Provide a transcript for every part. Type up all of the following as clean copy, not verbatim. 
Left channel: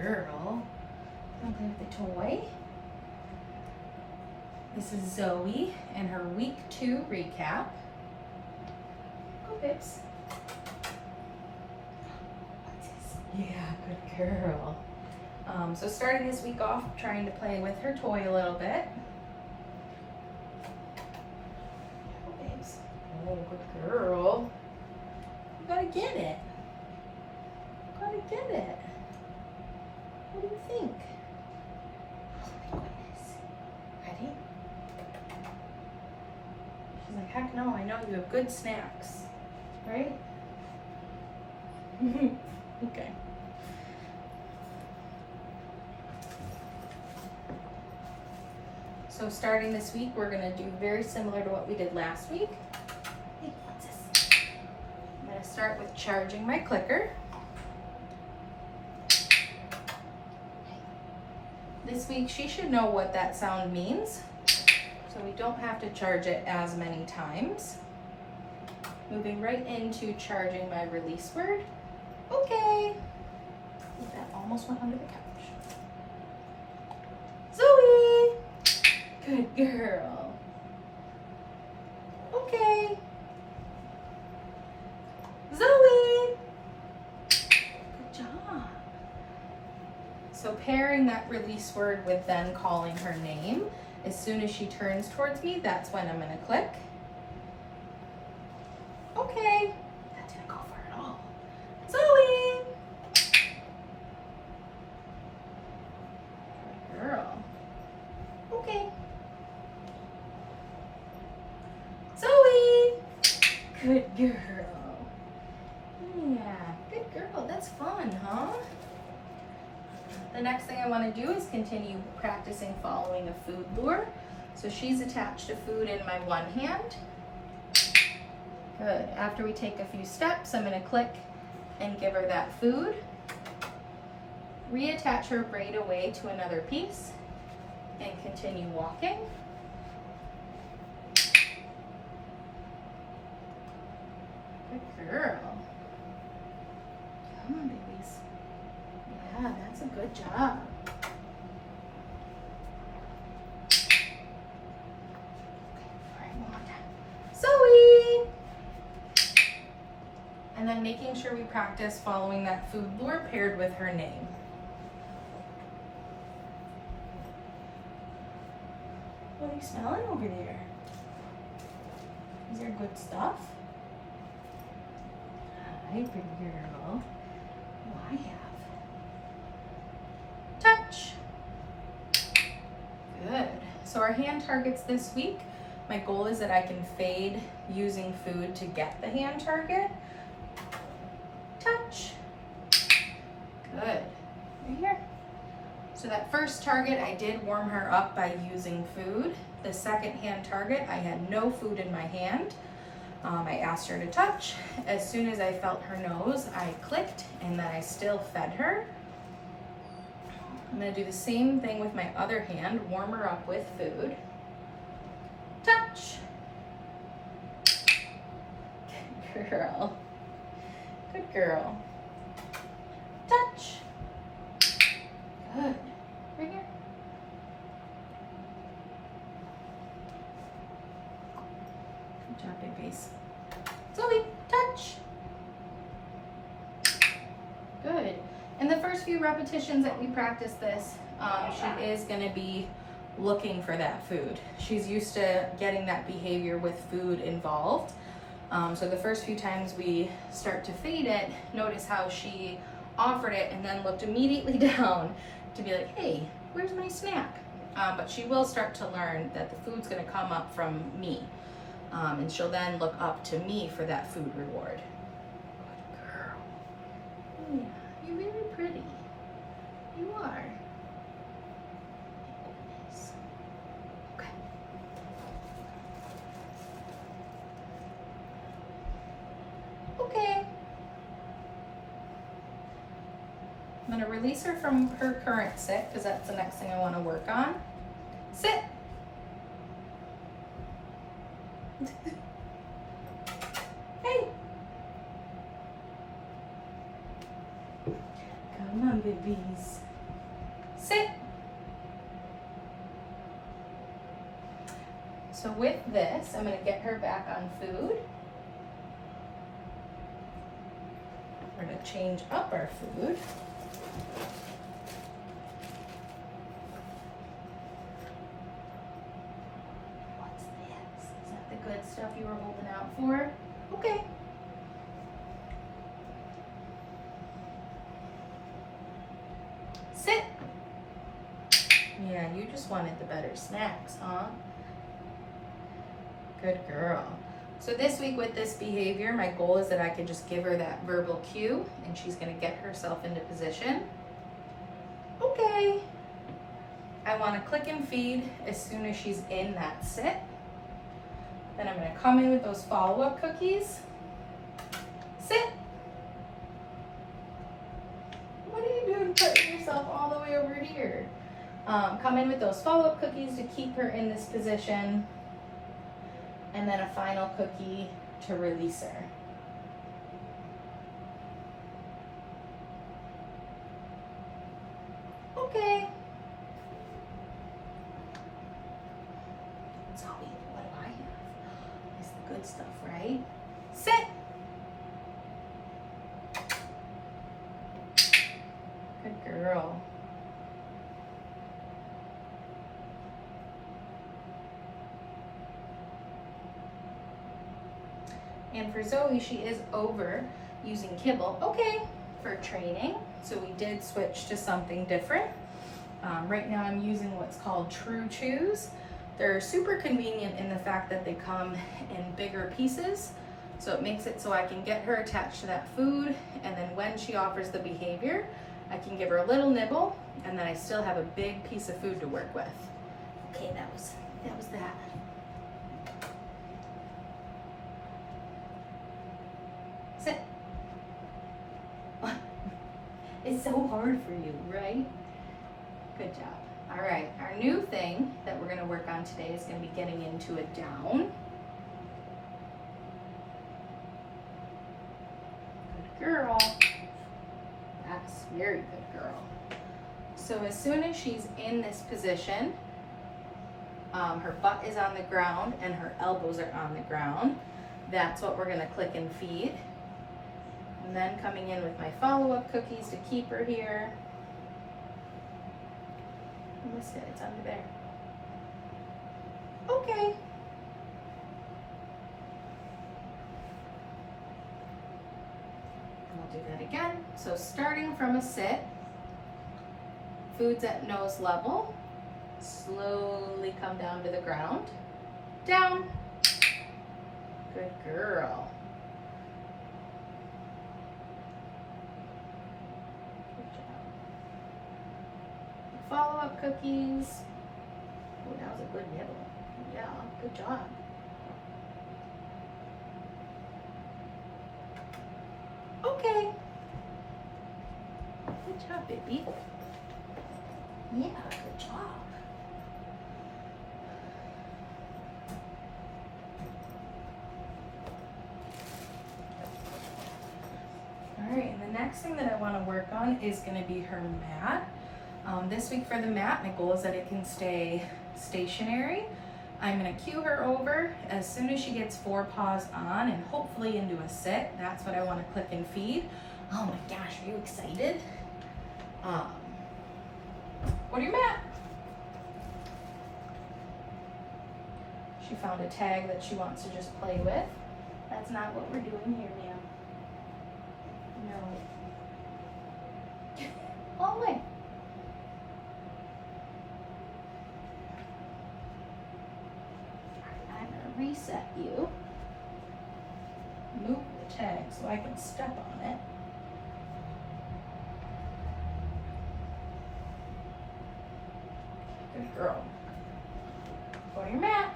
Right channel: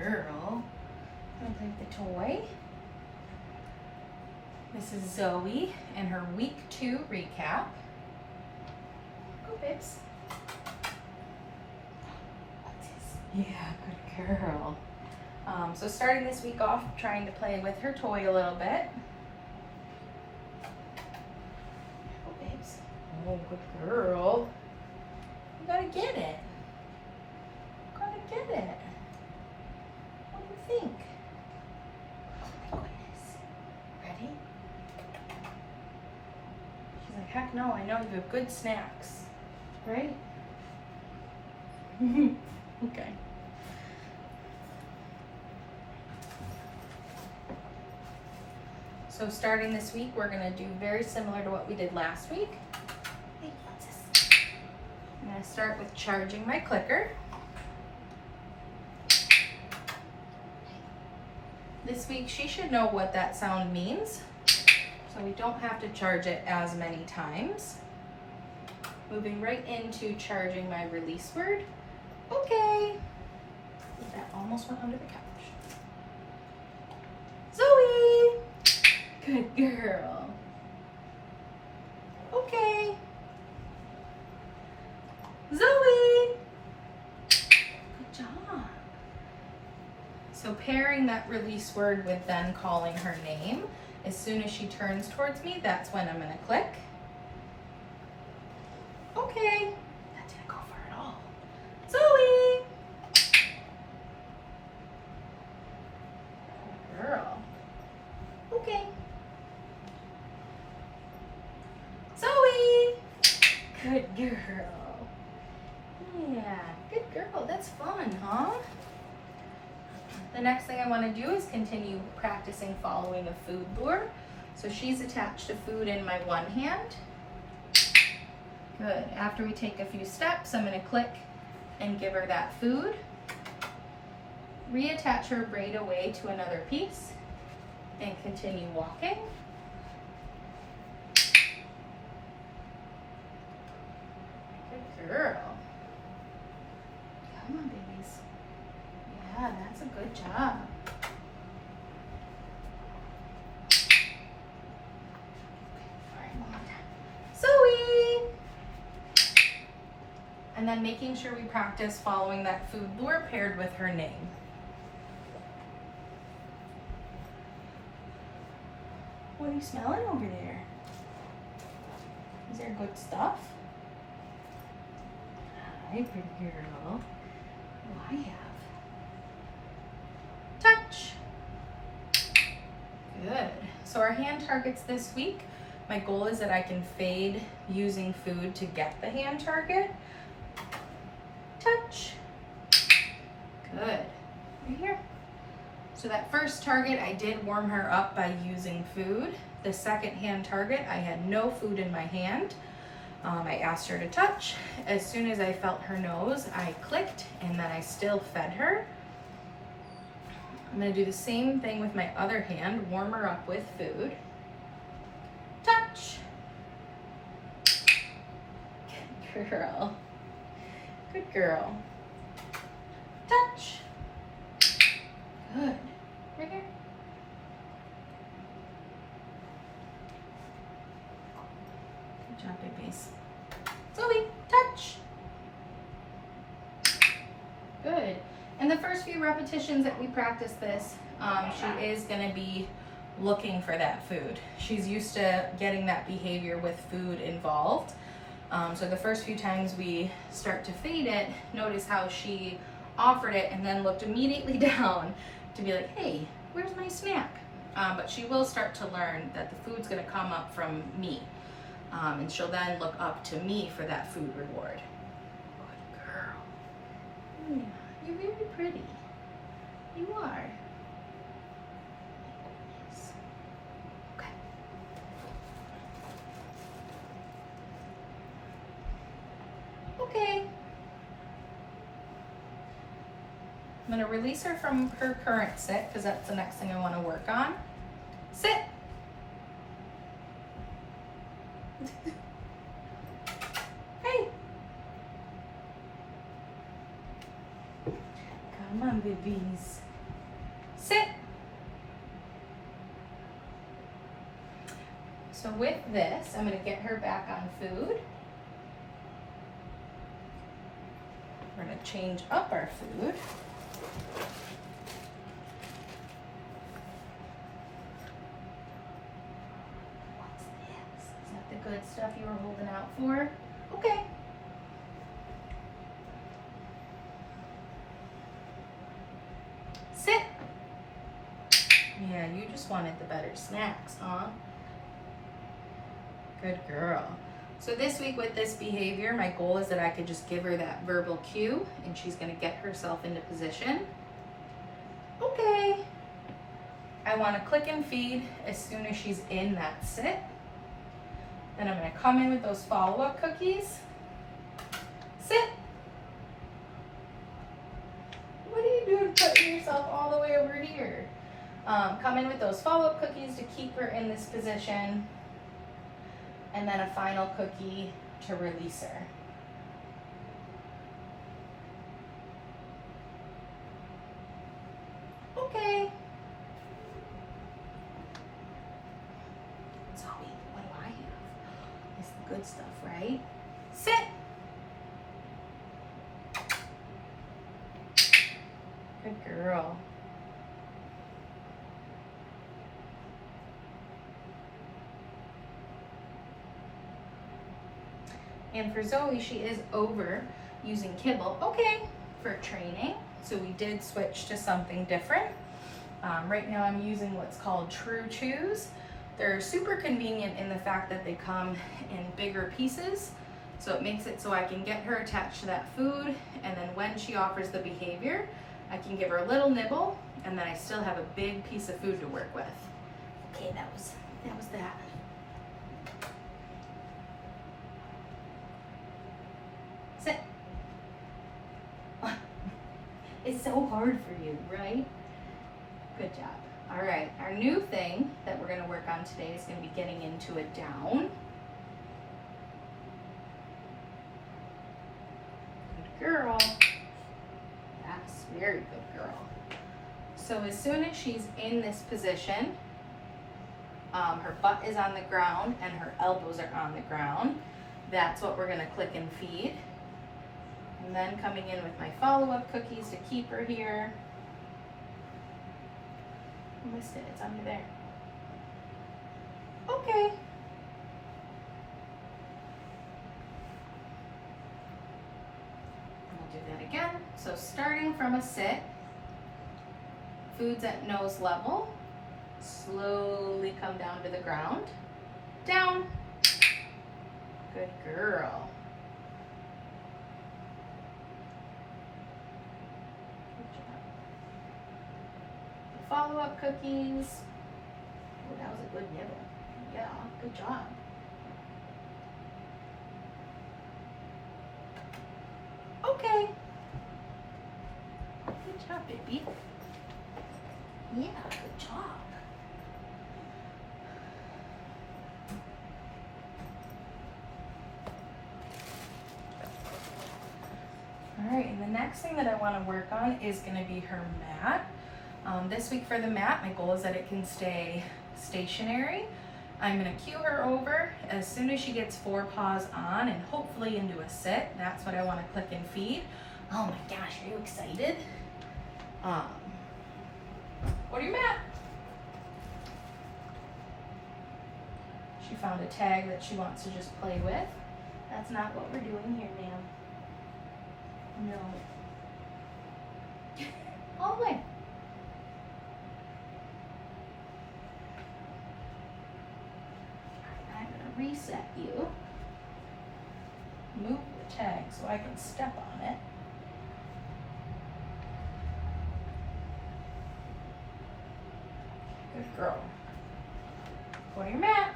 girl. Don't play with the toy. This is Zoe and her week 2 recap. Go, babes. Yeah, good girl. So starting this week off, trying to play with her toy a little bit. Go, babes. Oh, good girl. You gotta get it. Gotta get it. What do you think? Oh my goodness. Ready? She's like, heck no, I know you have good snacks. Right? Okay. So starting this week, we're gonna do very similar to what we did last week. Hey, what's this? I'm gonna start with charging my clicker. This week, she should know what that sound means, so we don't have to charge it as many times. Moving right into charging my release word. Okay. That almost went under the couch. Zoey! Good girl. Okay. Zoey! Good job. So pairing that release word with then calling her name. As soon as she turns towards me, that's when I'm gonna click. Okay. That didn't go far at all. Zoey! Girl. Okay. Zoey! Good girl. Yeah, good girl. That's fun, huh? The next thing I want to do is continue practicing following a food lure. So she's attached to food in my one hand. Good. After we take a few steps, I'm going to click and give her that food. Reattach her braid away to another piece and continue walking. Good girl. Come on, babies. Yeah, that's a good job. All right, one more time. Zoey! And then making sure we practice following that food lure paired with her name. What are you smelling over there? Is there good stuff? Hi, pretty girl. Oh, I have. Touch. Good. So our hand targets this week. My goal is that I can fade using food to get the hand target. Touch. Good. Right here. So that first target, I did warm her up by using food. The second hand target, I had no food in my hand. I asked her to touch. As soon as I felt her nose, I clicked and then I still fed her. I'm gonna do the same thing with my other hand, warm her up with food. Touch. Good girl. Good girl. Touch. Good. Right here. Good job, babies. Zoey, touch. Good. In the first few repetitions that we practice this, she is going to be looking for that food. She's used to getting that behavior with food involved. So the first few times we start to fade it, notice how she offered it and then looked immediately down to be like, hey, where's my snack? But she will start to learn that the food's going to come up from me. And she'll then look up to me for that food reward. Good girl. Yeah, you're very pretty. You are. Nice. Okay. Okay. I'm going to release her from her current sit because that's the next thing I want to work on. Sit. Hey. Come on, babies. So with this, I'm going to get her back on food. We're going to change up our food. What's this? Is that the good stuff you were holding out for? Okay. Sit. Yeah, you just wanted the better snacks, huh? Good girl. So this week with this behavior, my goal is that I could just give her that verbal cue and she's gonna get herself into position. Okay. I wanna click and feed as soon as she's in that sit. Then I'm gonna come in with those follow-up cookies. Sit. What are you doing putting yourself all the way over here? Come in with those follow-up cookies to keep her in this position. And then a final cookie to release her. Okay. Zoey, what do I have? It's the good stuff, right? Sit. Good girl. And for Zoey, she is over using kibble, okay, for training. So we did switch to something different. Right now I'm using what's called True Chews. They're super convenient in the fact that they come in bigger pieces. So it makes it so I can get her attached to that food, and then when she offers the behavior, I can give her a little nibble, and then I still have a big piece of food to work with. Okay, that was that. Sit. It's so hard for you, right? Good job. All right, our new thing that we're gonna work on today is gonna be getting into a down. Good girl. That's very good girl. So as soon as she's in this position, her butt is on the ground and her elbows are on the ground. That's what we're gonna click and feed. And then coming in with my follow-up cookies to keep her here. I missed it, it's under there. Okay. We'll do that again. So starting from a sit, food's at nose level, slowly come down to the ground, down. Good girl. Follow-up cookies. Oh, that was a good nibble. Yeah, good job. Okay. Good job, baby. Yeah, good job. All right, and the next thing that I want to work on is going to be her mat. This week for the mat, my goal is that it can stay stationary. I'm gonna cue her over as soon as she gets 4 paws on and hopefully into a sit. That's what I wanna click and feed. Oh my gosh, are you excited? Go to your mat. She found a tag that she wants to just play with. That's not what we're doing here, ma'am. No. All the way. Reset you, move the tag so I can step on it. Good girl. Go to your mat.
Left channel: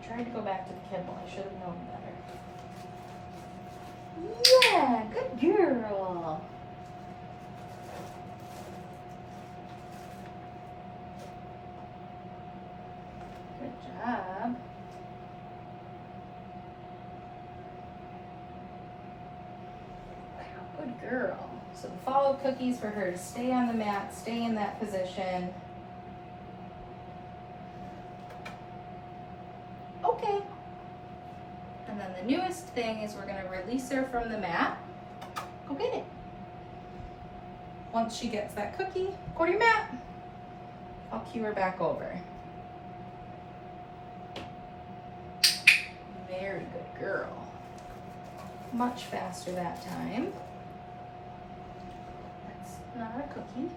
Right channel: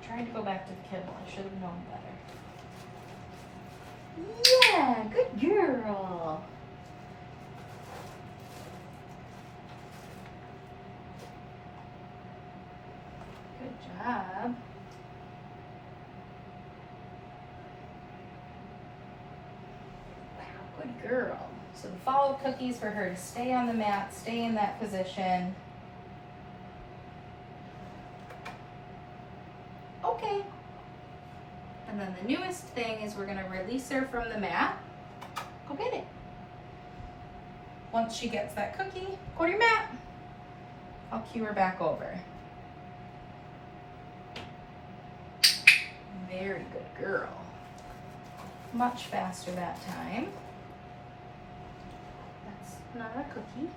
Tried to go back to the kibble. I should have known better. Yeah, good girl. job. Wow, good girl. So the follow cookies for her to stay on the mat, stay in that position. Okay. And then the newest thing is we're gonna release her from the mat. Go get it. Once she gets that cookie, go to your mat. I'll cue her back over. Very good girl. Much faster that time. That's not a cookie.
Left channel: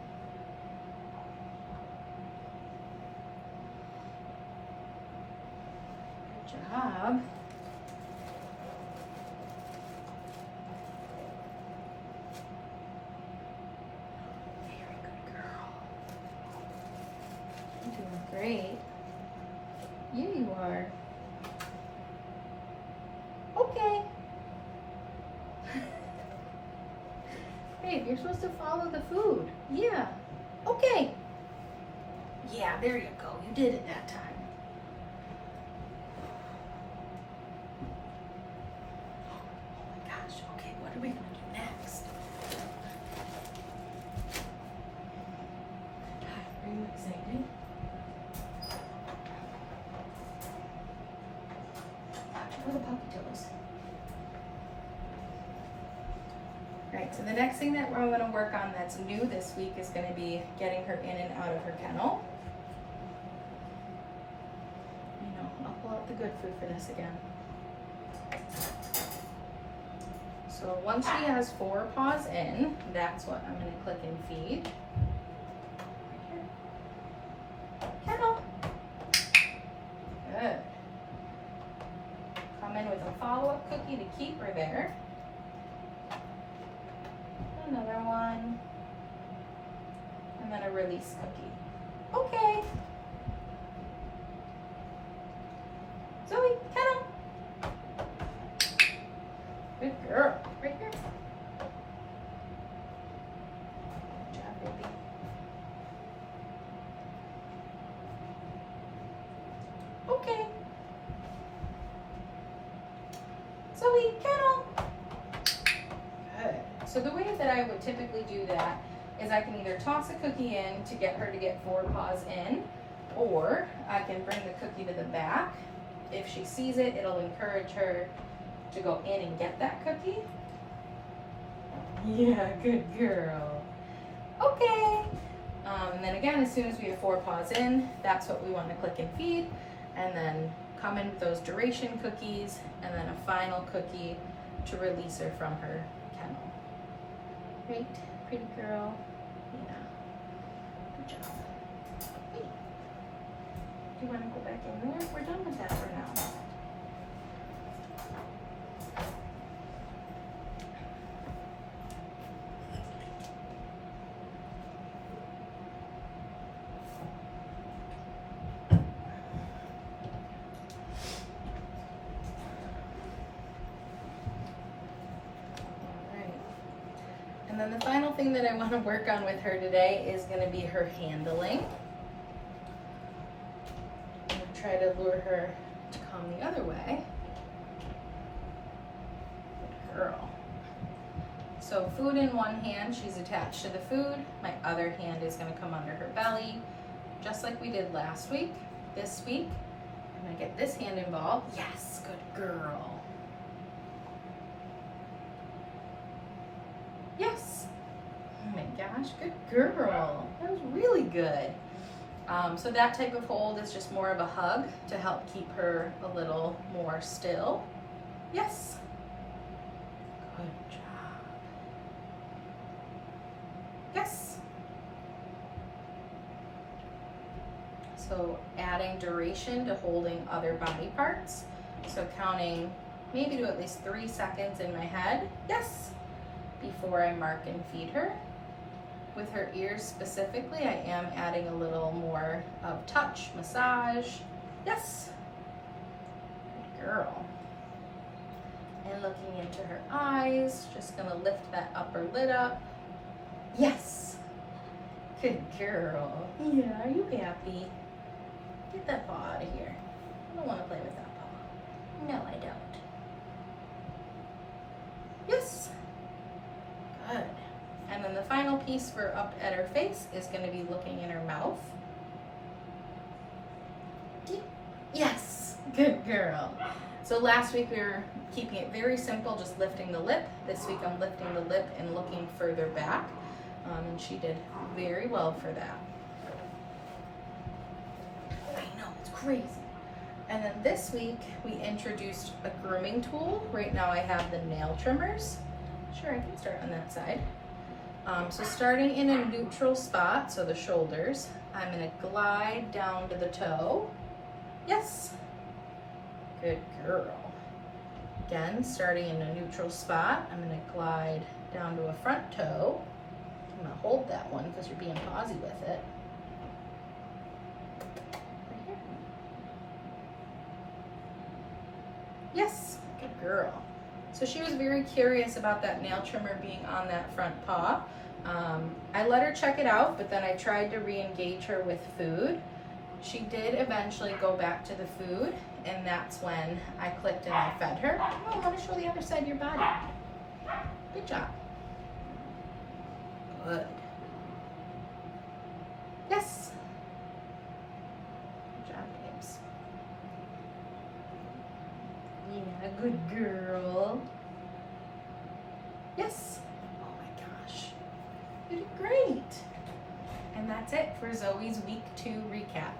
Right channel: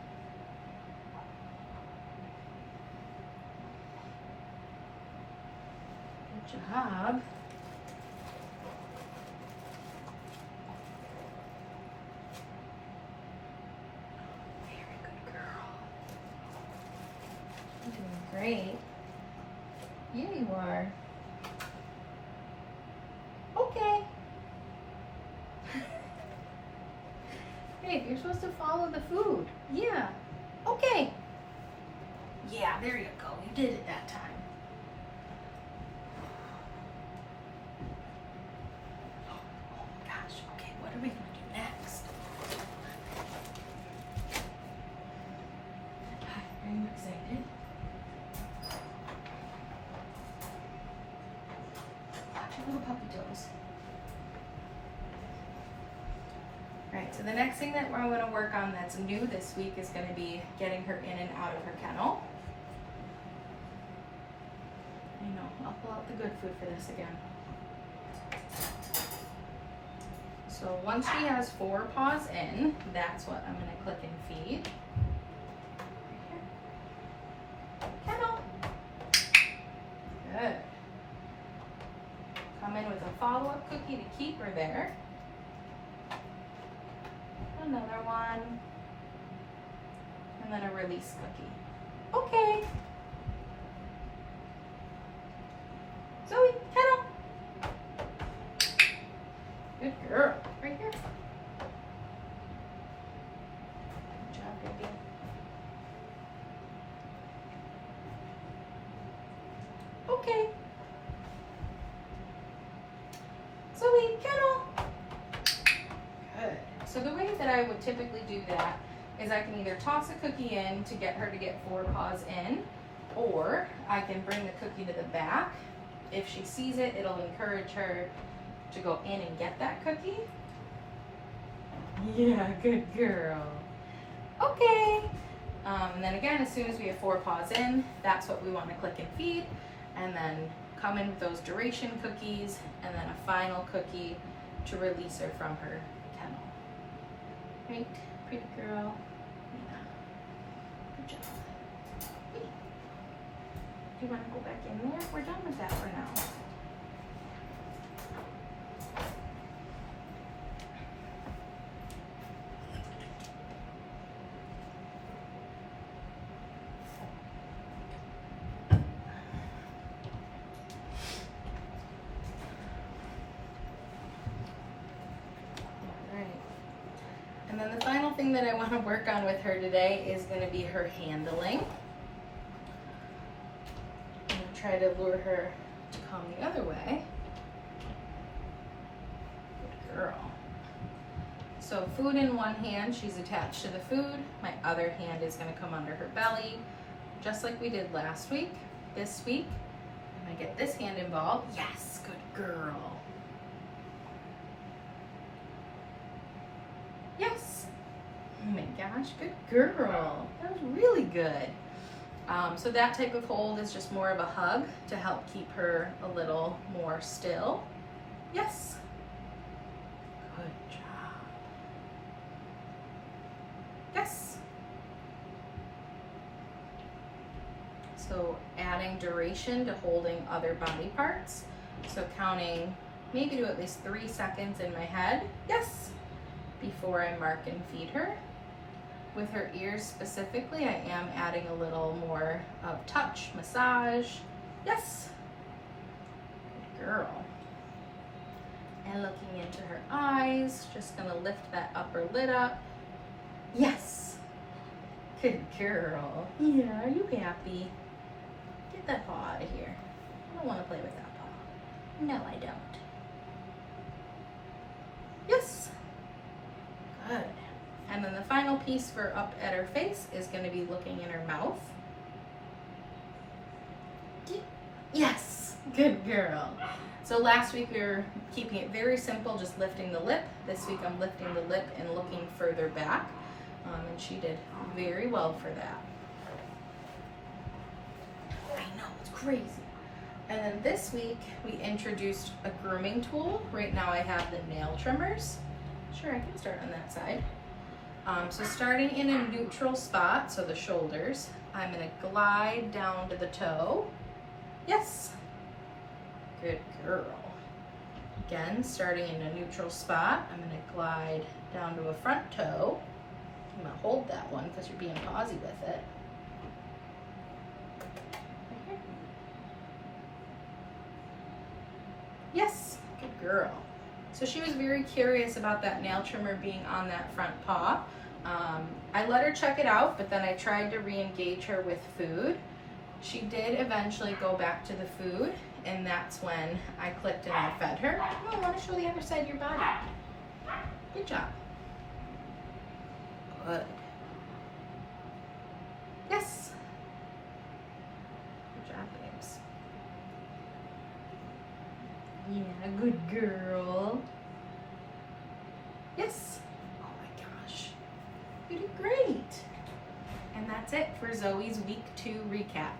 Good job. Very good girl. You're doing great. Yeah, you are. Okay. Babe, you're supposed to follow the food. Yeah. Okay. Yeah, there you go. You did it that time. Oh my gosh. Okay, what are we gonna do next? Hi, are you excited? Little puppy toes. Right, so the next thing that we're going to work on that's new this week is going to be getting her in and out of her kennel. You know, I'll pull out the good food for this again. So once she has 4 paws in, that's what I'm going to click and feed. Right here. Kennel. Good. Come in with a follow-up cookie to keep her there. Another one. And then a release cookie. Okay. Zoey, Kennel. Good girl. Right here. Good job, baby. Okay. Zoey, Kennel. Good. So the way that I would typically do that is I can either toss a cookie in to get her to get 4 paws in, or I can bring the cookie to the back. If she sees it, it'll encourage her to go in and get that cookie. Yeah, good girl. Okay. And then again, as soon as we have 4 paws in, that's what we want to click and feed. And then come in with those duration cookies and then a final cookie to release her from her kennel. Great, pretty girl. Yeah, good job. Wait, do you want to go back in there? We're done with that for now. And then the final thing that I want to work on with her today is going to be her handling. I'm going to try to lure her to come the other way. Good girl. So food in one hand, she's attached to the food. My other hand is going to come under her belly, just like we did last week. This week, I'm going to get this hand involved. Yes, good girl. Yes. Oh my gosh, good girl. That was really good. So that type of hold is just more of a hug to help keep her a little more still. Yes. Good job. Yes. So adding duration to holding other body parts. So counting maybe to at least 3 seconds in my head. Yes. Before I mark and feed her. With her ears specifically, I am adding a little more of touch, massage. Yes. Good girl. And looking into her eyes, just gonna lift that upper lid up. Yes. Good girl. Yeah, are you happy? Get that paw out of here. I don't want to play with that paw. No, I don't. Yes. Good. And then the final piece for up at her face is going to be looking in her mouth. Yes. Good girl. So last week we were keeping it very simple, just lifting the lip. This week I'm lifting the lip and looking further back. And she did very well for that. I know, it's crazy. And then this week we introduced a grooming tool. Right now I have the nail trimmers. Sure, I can start on that side. So starting in a neutral spot, so the shoulders, I'm gonna glide down to the toe. Yes. Good girl. Again, starting in a neutral spot, I'm gonna glide down to a front toe. I'm gonna hold that one because you're being pausy with it. Right here. Yes, good girl. So she was very curious about that nail trimmer being on that front paw. I let her check it out, but then I tried to re-engage her with food. She did eventually go back to the food, and that's when I clicked and I fed her. Oh, I want to show the other side of your body. Good job. Good. Yes. Good job, babes. Yeah, good girl. Yes. Oh my gosh. You did great. And that's it for Zoey's week 2 recap.